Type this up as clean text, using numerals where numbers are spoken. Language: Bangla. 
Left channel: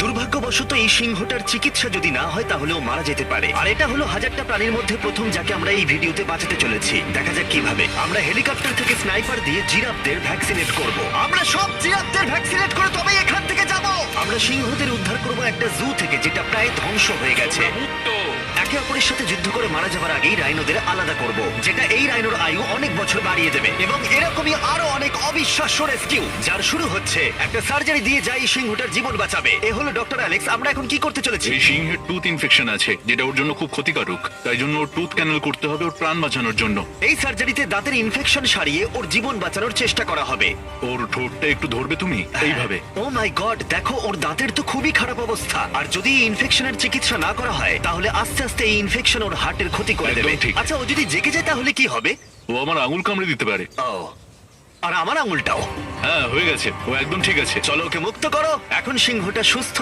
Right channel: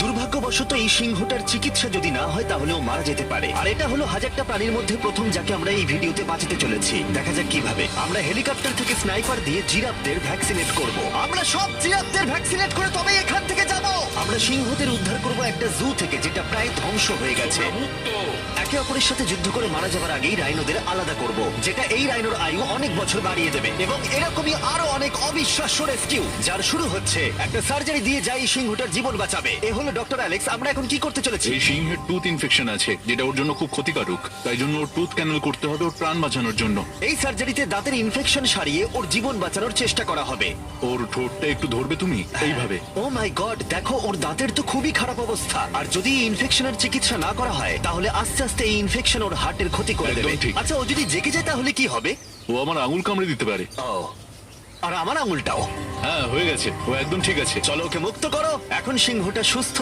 দুর্ভাগ্যবশত এই সিংহটার চিকিৎসা যদি না হয় তাহলে ও মারা যেতে পারে। আর এটা হলো হাজারটা প্রাণীর মধ্যে প্রথম যাকে আমরা এই ভিডিওতে বাঁচাতে চলেছি। দেখা যাক কিভাবে। আমরা হেলিকপ্টার থেকে স্নাইপার দিয়ে জিরাফদের ভ্যাকসিনেট করব। আমরা সব জিরাফদের ভ্যাকসিনেট করে তবেই এখান থেকে যাব। আমরা সিংহদের উদ্ধার করব একটা জু থেকে যেটা প্রায় ধ্বংস হয়ে গেছে। একে অপরের সাথে যুদ্ধ করে মারা যাবার আগেই রাইনোদের আলাদা করব, যেটা এই রাইনোর আয়ু অনেক বছর বাড়িয়ে দেবে। এবং এরকমই আরো অনেক অবিশ্বাস্য রেস্কিউ যার শুরু হচ্ছে একটা সার্জারি দিয়ে যাই সিংহটার জীবন বাঁচাবে। এ হলো ডক্টর অ্যালেক্স। আমরা এখন কি করতে চলেছি? এই সিংহের টুথ ইনফেকশন আছে যেটা ওর জন্য খুব ক্ষতিকারক, তাই জন্য ওর টুথ ক্যানেল করতে হবে ওর প্রাণ বাঁচানোর জন্য। এই সার্জারিতে দাঁতের ইনফেকশন সারিয়ে ওর জীবন বাঁচানোর চেষ্টা করা হবে। ওর ঠোঁটটা একটু ধরবে তুমি এইভাবে। ও মাই গড, দেখো ওর দাঁতের তো খুবই খারাপ অবস্থা। আর যদি এই ইনফেকশনের চিকিৎসা না করা হয় তাহলে আস্তে আস্তে এই ইনফেকশন ওর হার্টের ক্ষতি করে একদম দেবে। ঠিক। আচ্ছা, ও যদি জেগে যায় তাহলে কি হবে? ও আমার আঙুল কামড়ে দিতে পারে। ও, আর আমার আঙুলটাও। হ্যাঁ হয়ে গেছে, ও একদম ঠিক আছে। চলো ওকে মুক্ত করো। এখন সিংহটা সুস্থ